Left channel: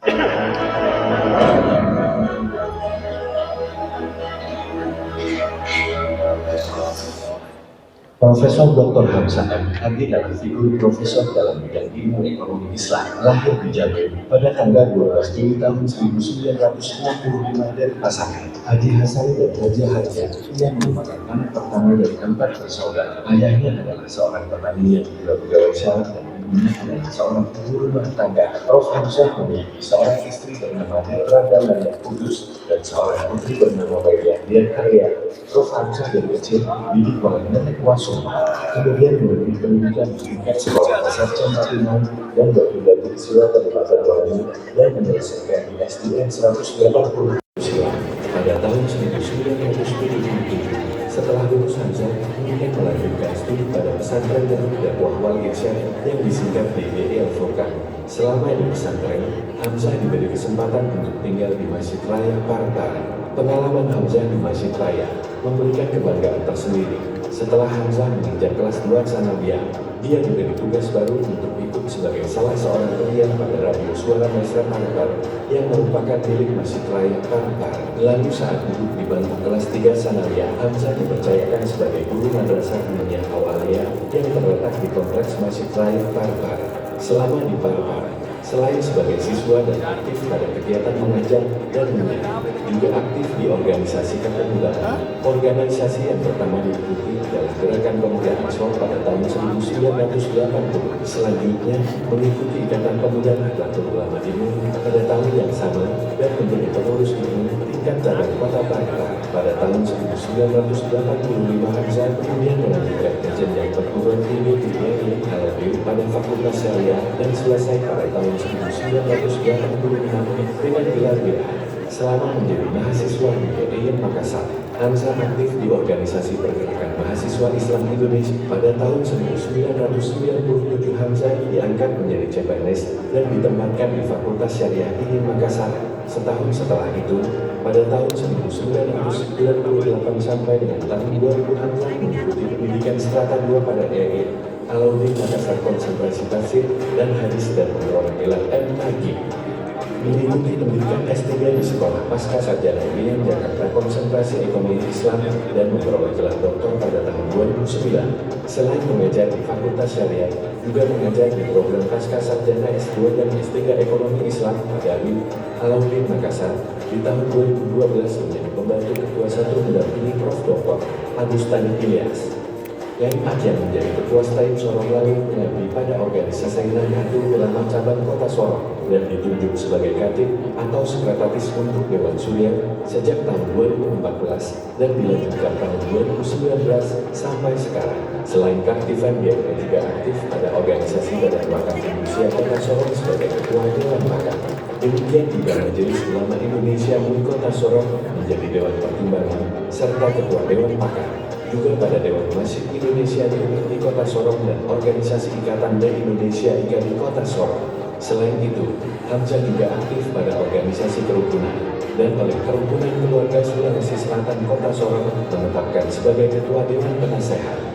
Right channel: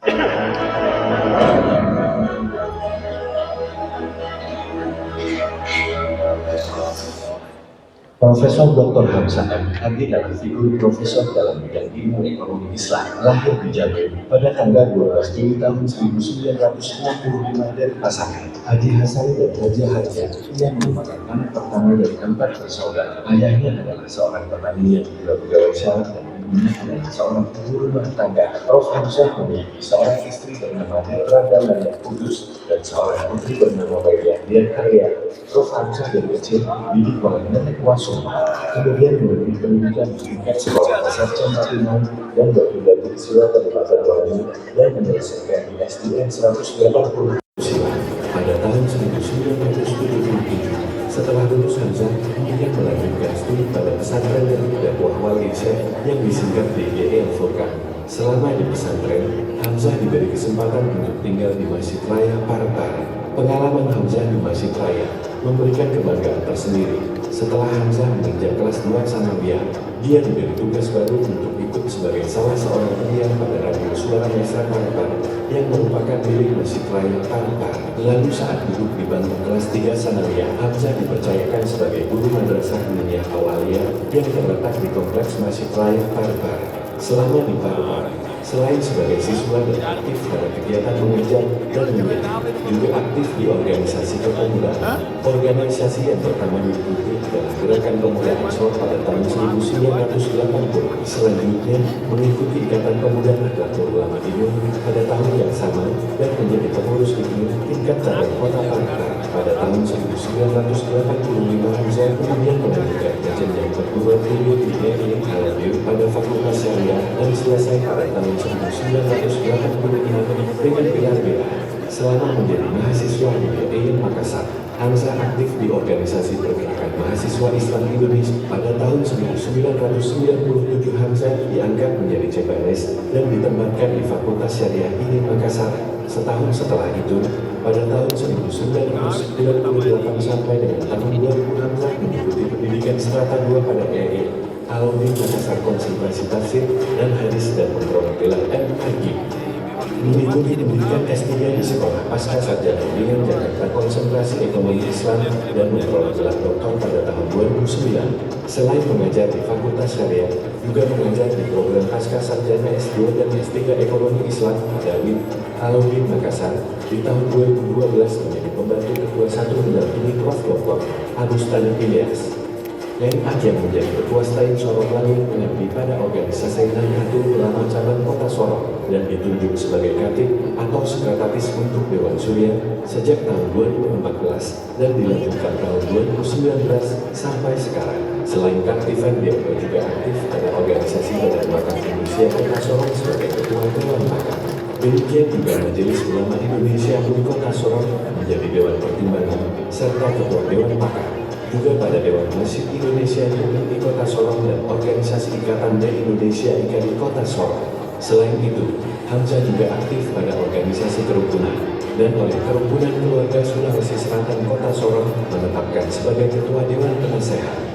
Profesor Dr. Hamzah M. Hadi adalah figur profesor dalam bidang ilmu ekonomi Islam, lahir di Jambi pada tanggal 12 Juli tahun 1965 dari pasangan Haji Hasan dan Haji Haja yang merupakan anak pertama dari 4 bersaudara. Ayahnya adalah seorang petani yang juga pegawai syarat dan ibunya adalah seorang ibu rumah tangga. Prof. Hamzah memiliki seorang istri bernama Netra Damania Kudus dan seorang putri bernama Maria Dian Karya. Prof. Hamzah dari kecil dididik oleh nenek Wasum, kemudian menempuh pendidikan di tingkat sekolah sarjana imam dan berpindah ke siswa Kabupaten Waringin dan menyelesaikan di SDN 180 silam pada tahun 1977. Setelah lulus Hamzah kemudian melanjutkan studi pada pesantren dan dakwah Wal Irsyad yang disingkat DGE Al-Furqan. Selama di pesantren, Hamzah diberi kesempatan untuk tinggal di Masjid Raya Partar. Pengalaman Hamzah di Masjid Raya memberikan kebanggaan tersendiri. Setelah Hamzah menginjak kelas 2 sanawiyah, dia diberi tugas baru untuk ikut sebagai salah seorang penyiar pada radio Suara Mesra Partar yang merupakan milik Masjid Raya Partar. Lalu saat duduk di bangku kelas 3 sanawiyah, Hamzah dipercayakan sebagai guru madrasah Miniyah Awaliyah yang terletak di kompleks Masjid Raya Partar. Selama di Partar, selain sebagai siswa dan aktif pada kegiatan mengajar dan mengaji, juga aktif di organisasi kepemudaan. Organisasi yang pertama diikuti adalah Gerakan Pemuda Ansor pada tahun 1980. Selanjutnya mengikuti Ikatan Pemuda Nahdlatul Ulama ini pada tahun yang sama dan menjadi pengurus ini tingkat cabang Kota Partar. Pada tahun 1985 Hamzah kemudian melanjutkan ke jenjang perguruan tinggi di Negeri Al-Adil pada Fakultas Syariah dan selesai pada tahun 1986 dengan gelar BA. Selama menjadi mahasiswa di UIN Makassar, Hamzah aktif di organisasi pergerakan mahasiswa Islam Indonesia. Pada tahun 1997 Hamzah diangkat menjadi CPNS dan ditempatkan di Fakultas Syariah INI Makassar. Setahun setelah itu, pada tahun 1998 sampai dengan tahun 2000 Hamzah mengikuti pendidikan Strata 2 pada EI Alauddin Makassar Konsentrasi Tafsir dan Hadis dan memperoleh gelar M.Ag. Mengikuti pendidikan S3 di Sekolah Pasca Sarjana UIN Jakarta Konsentrasi Ekonomi Islam dan memperoleh gelar doktor pada tahun 2009. Selain mengajar di Fakultas Syariah, juga mengajar di program Pasca Sarjana S2 dan S3 Ekonomi Islam pada UIN Alauddin Makassar. Di tahun 2012 menjadi pembantu ketua 1 mendampingi Prof. Dr. Agustani Ilyas. M.Ag yang menjadi ketua Staim Sorong lalu mengabdi pada organisasi Nahdlatul Ulama cabang Kota Sorong dan ditunjuk sebagai Katib atau Sekretaris untuk Dewan Syuriah sejak tahun 2014 dan dilanjutkan tahun 2019 sampai sekarang. Selain keaktifan, dia juga aktif pada organisasi Badan Wakaf Indonesia Kota Sorong sebagai Ketua Dewan Wakaf. Demikian juga Majelis Ulama Indonesia Wali Kota Sorong menjadi Dewan Pertimbangan serta Ketua Dewan Pakar. Juga pada Dewan Masjid Indonesia di Kota Sorong dan Organisasi Ikatan Dai Indonesia IKADI Kota Sorong. Selain itu, Hamzah juga aktif pada organisasi kerukunan dan oleh Kerukunan Keluarga Sulawesi Selatan Kota Sorong menetapkan sebagai Ketua Dewan Penasehat.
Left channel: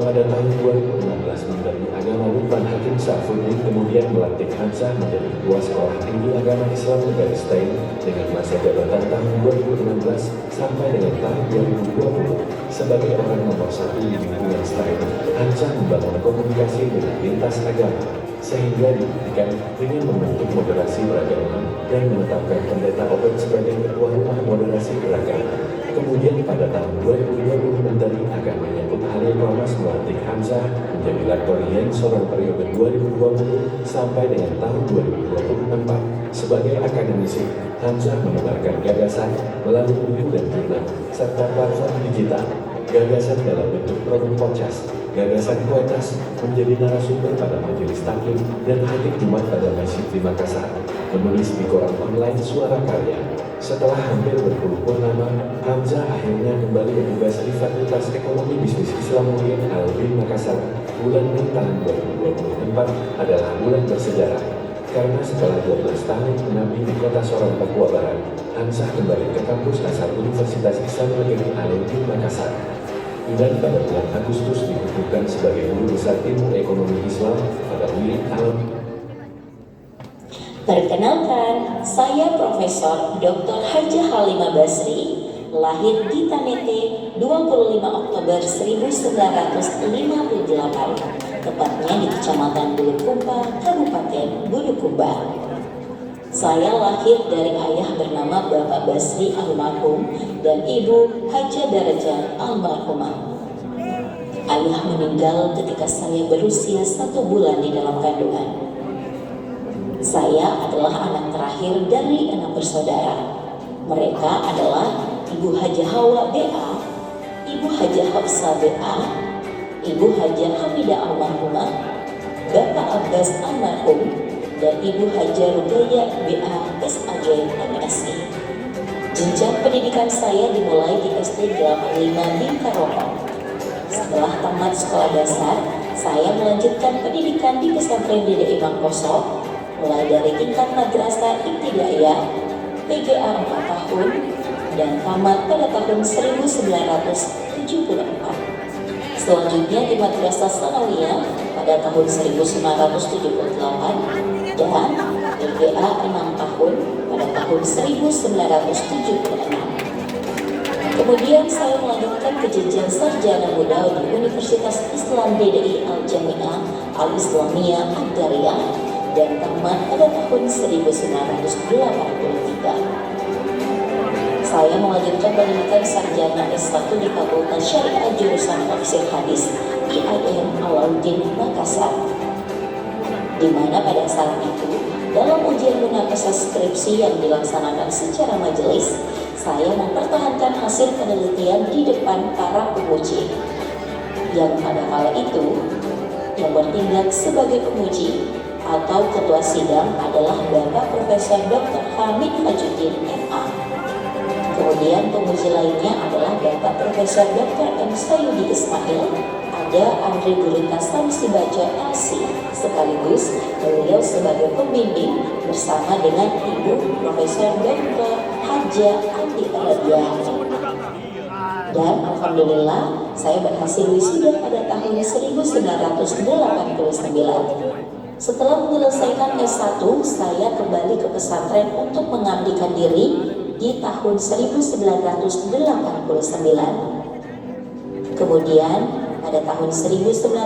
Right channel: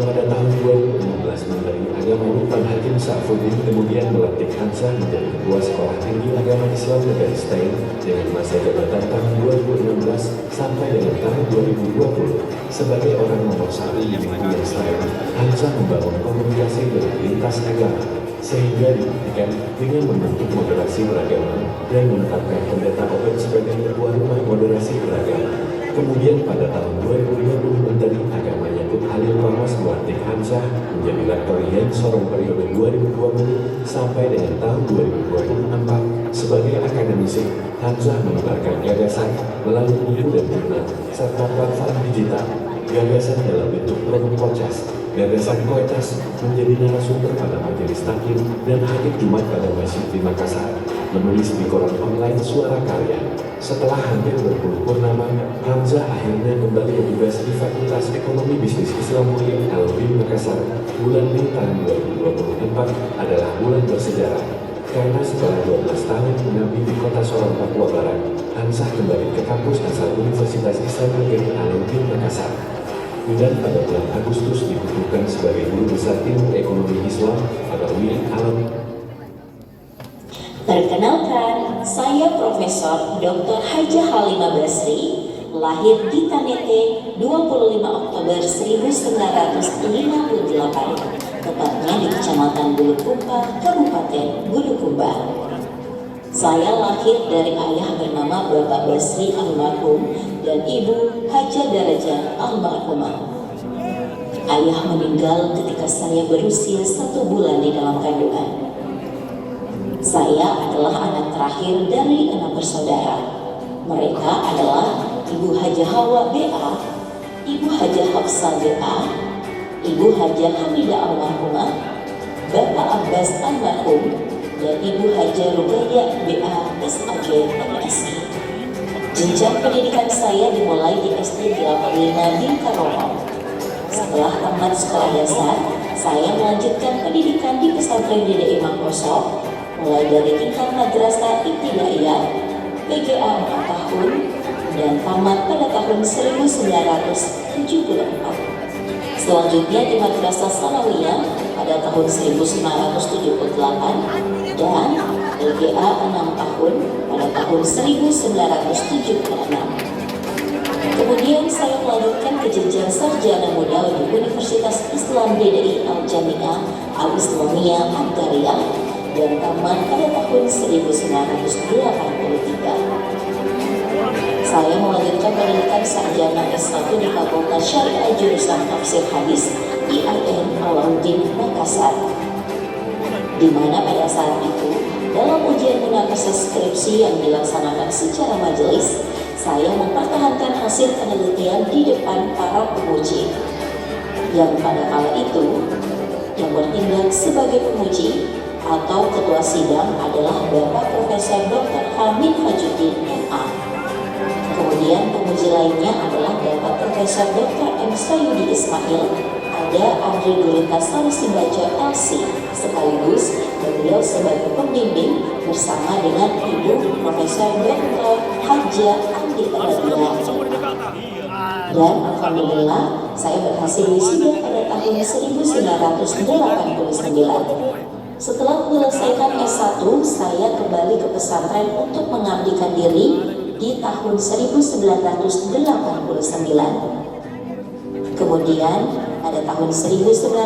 Pada tahun 2016 Menteri Agama Lukman Hakim Saifuddin kemudian melantik Hamzah menjadi Ketua Sekolah Tinggi Agama Islam Negeri Stain dengan masa jabatan tahun 2016 sampai dengan tahun 2020. Sebagai orang nomor 1 di lingkungan Stain, Hamzah membangun komunikasi dengan lintas agama, sehingga dibuktikan dengan membentuk moderasi beragama dan menetapkan Pendeta Open sebagai Ketua Rumah Moderasi Beragama. Kemudian pada tahun 2020 Menteri Agama Yakut Halil Parmas melantik Hamzah menjadi Lektor IAIN Sorong periode 2020 sampai dengan tahun 2024. Sebagai akademisi, Hamzah menyebarkan gagasan melalui buku dan jurnal serta platform digital. Gagasan dalam bentuk program podcast, gagasan poetas menjadi narasumber pada majelis taklim dan khatib Jumat pada Masjid di Makassar. Menulis di koran online Suara Karya. Setelah hampir berpuluh purnama, Hamzah akhirnya kembali bertugas di Fakultas Ekonomi Bisnis Islam UIN Alauddin Makassar. Bulan Mei tahun 2024 adalah bulan bersejarah, karena setelah 12 tahun mengabdi di Kota Sorong, Papua Barat, Hamzah kembali ke kampus asal Universitas Islam UIN Alauddin Makassar. Dan pada bulan Agustus dikukuhkan sebagai Guru Besar Ilmu Ekonomi Islam pada UIN Alauddin. Perkenalkan, saya Profesor Dr. Hajah Halimah Basri, lahir di Tanete 25 Oktober 1958, tepatnya di Kecamatan Bulukumba, Kabupaten Bulukumba. Saya lahir dari ayah bernama Bapak Basri almarhum dan ibu Hajah Darajah almarhumah. Ayah meninggal ketika saya berusia 1 bulan di dalam kandungan. Saya adalah anak terakhir dari 6 bersaudara. Mereka adalah Ibu Hajah Hawa BA, Ibu Hajah Hafsah BA, Ibu Hajah Hamidah almarhumah, Bapak Abbas almarhum, dan Ibu Hajah Rugaya BA SAG MSI. Jenjang pendidikan saya dimulai di SD 85 di Karawang. Setelah tamat sekolah dasar, saya melanjutkan pendidikan di pesantren Dede Imam Koso, mulai dari tingkat madrasah ibtidaiyah, PGA 4 tahun, dan tamat pada tahun 1974. Selanjutnya di Madrasah Sanawiyah pada tahun 1978 dan PGA 6 tahun pada tahun 1976. Kemudian saya melanjutkan ke jenjang sarjana muda di Universitas Islam DDI Al-Jami'ah Al-Islamiyah Ad-Dariyah dan tamat pada tahun 1983. Saya melanjutkan pendidikan sarjana S1 di Fakultas Syariah jurusan Tafsir Hadis IAIN Alauddin Makassar, di mana pada saat itu dalam ujian munakasyah skripsi yang dilaksanakan secara majelis, saya mempertahankan hasil penelitian di depan para penguji, yang pada kala itu yang bertindak sebagai penguji atau ketua sidang adalah Bapak Profesor Dr. Hamid Hajuddin MA. Kemudian penguji lainnya adalah Bapak Profesor Dr. M. Sayudi Ismail, ada Andri Gurita Sarisibaja LC, sekaligus beliau sebagai pembimbing bersama dengan Ibu Profesor Dr. Hajah Andi Radia. Dan alhamdulillah saya berhasil wisuda pada tahun 1989. Setelah menyelesaikan S1, saya kembali ke pesantren untuk mengabdikan diri di tahun 1989. Kemudian pada tahun 1996,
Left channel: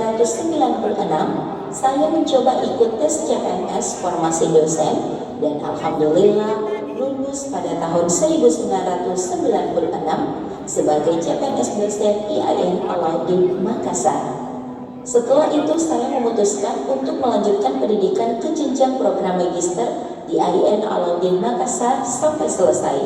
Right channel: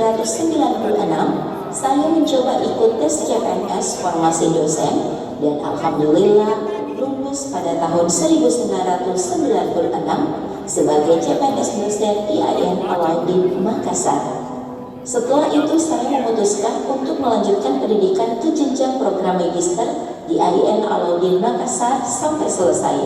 saya mencoba ikut tes CPNS formasi dosen dan alhamdulillah lulus pada tahun 1996 sebagai CPNS dosen IAIN Alauddin Makassar. Setelah itu saya memutuskan untuk melanjutkan pendidikan ke jenjang program magister di IAIN Alauddin Makassar sampai selesai.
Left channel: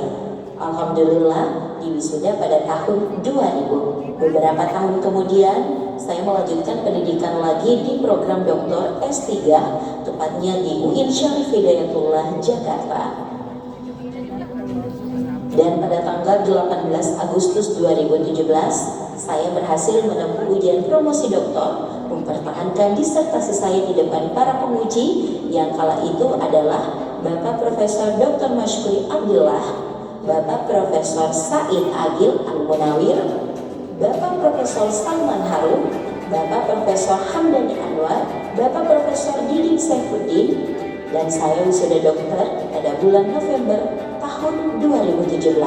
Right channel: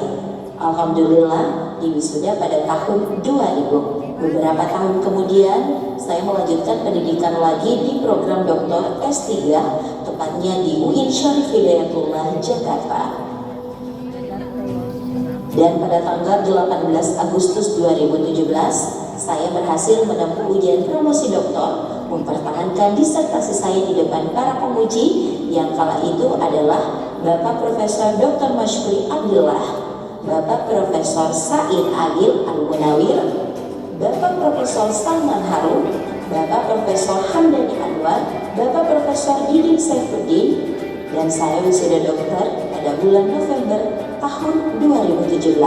Alhamdulillah diwisuda pada tahun 2000. Beberapa tahun kemudian saya melanjutkan pendidikan lagi di program Doktor S3, tepatnya di UIN Syarif Hidayatullah Jakarta. Dan pada tanggal 18 Agustus 2017, saya berhasil menempuh ujian promosi doktor, mempertahankan disertasi saya di depan para penguji yang kala itu adalah Bapak Profesor Dr. Mashkuri Abdullah, Bapak Profesor Said Agil Al-Munawir, Bapak Profesor Salman Harum, Bapak Profesor Hamdani Anwar, Bapak Profesor Didin Saifuddin, dan saya wisuda dokter pada bulan November tahun 2017.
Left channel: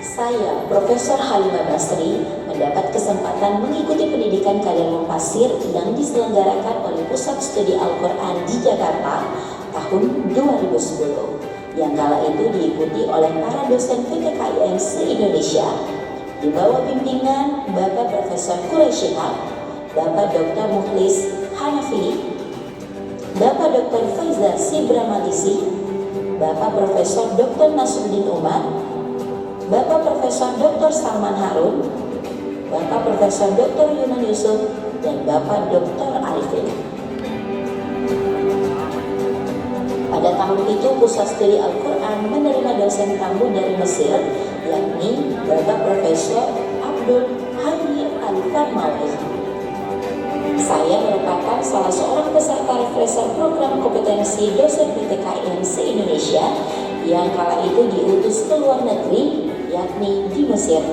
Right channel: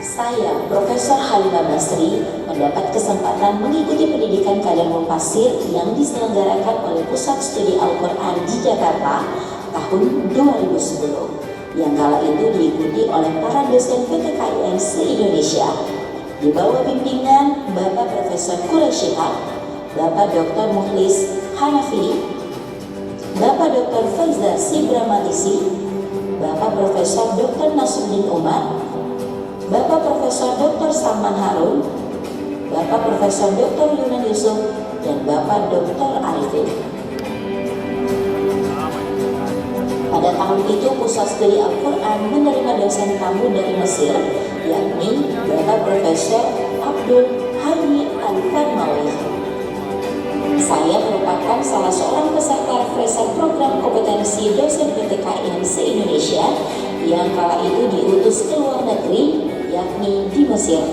Saya, Profesor Halimah Basri, mendapat kesempatan mengikuti pendidikan kader mufasir yang diselenggarakan oleh Pusat Studi Al-Quran di Jakarta tahun 2010, yang kala itu diikuti oleh para dosen PTKIN se-Indonesia di bawah bimbingan Bapak Profesor Quraisyihab, Bapak Dr. Mukhlis Hanafi, Bapak Dr. Faizal Sibramatisi, Bapak Profesor Dr. Nasruddin Umar, Bapak Profesor Dr. Salman Harun, Bapak Profesor Dr. Yunan Yusuf, dan Bapak Dr. Arifin. Pada tahun itu Pusat Studi Al-Quran menerima dosen tamu dari Mesir, yakni Bapak Profesor Abdul Hayy Al-Karmawi. Saya merupakan salah seorang peserta refresher program kompetensi dosen PTKIN se-Indonesia yang kala itu diutus ke luar negeri, yakni di Mesir,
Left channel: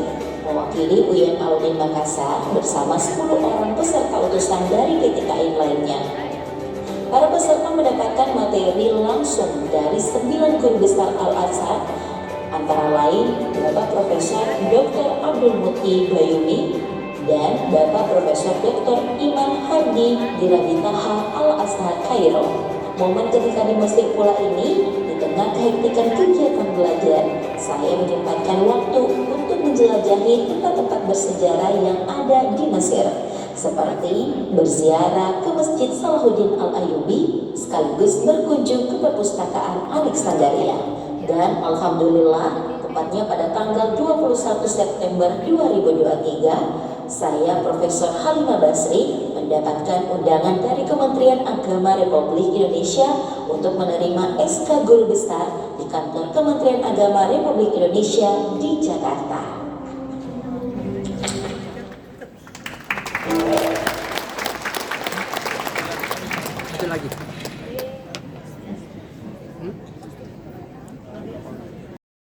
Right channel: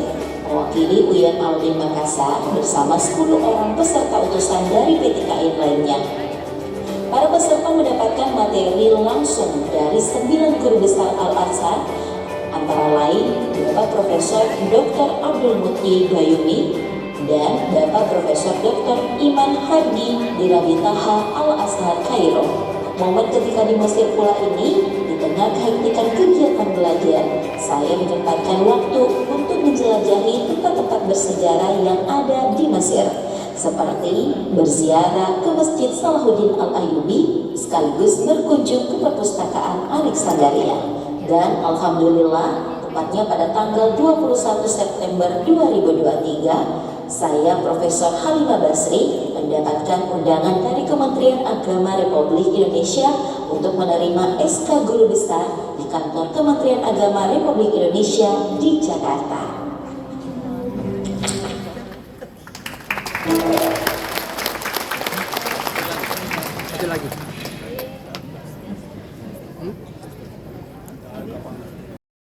mewakili UIN Alauddin Makassar bersama 10 orang peserta utusan dari PTKIN lainnya. Para peserta mendapatkan materi langsung dari 9 guru besar Al-Azhar, antara lain Bapak Profesor Dr. Abdul Muti Bayumi dan Bapak Profesor Dr. Iman Hardi Dirabitaha Al-Azhar Kairo. Momen ketika di Mesir pula ini, di tengah kehektikan kegiatan belajar, saya menyempatkan waktu untuk menjelajahi tempat-tempat bersejarah yang ada di Mesir, seperti berziarah ke Masjid Salahuddin Al-Ayyubi sekaligus berkunjung ke perpustakaan Alexandria. Dan alhamdulillah, tepatnya pada tanggal 21 September 2023, saya Profesor Halimah Basri mendapatkan undangan dari Kementerian Agama Republik Indonesia untuk menerima SK Guru Besar di kantor Kementerian Agama Republik Indonesia di Jakarta. Satu lagi.